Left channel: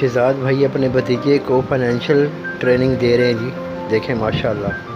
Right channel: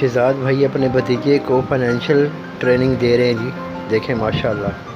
शहजाद भाई अपने भतीजे को फाइनेंशियल ट्रेनिंग दे रहे हैं जी। देखें माशाल्लाह।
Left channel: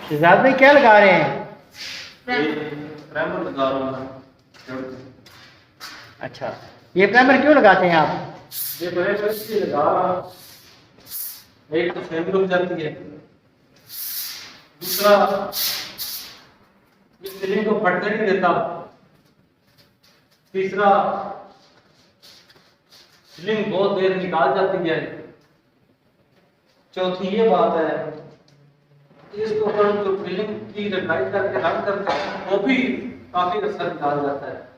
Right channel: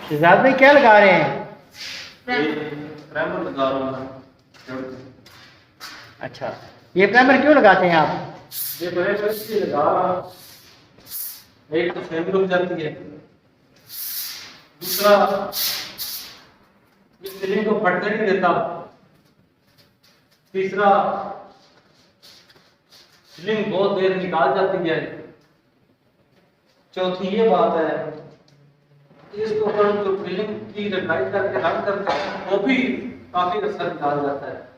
शहजाद भाई क्या लगा रहे हैं? प्राइमर लगा रहा हूं। अच्छा, ये प्राइमर क्यों लगाते हैं आप? ये प्राइमर इसलिए लगा रहा, एक तो फैन रुक जाती है दूसरा, ये फिलिंग को फटने नहीं देता। तीसरा, फिलिंग बहुत देर निकाल जाती है। चौथी ये बात है, इसको हम जो फिलिंग की रंगाई करके रंग करते हैं वो भी काफी असर निकाल जाता है।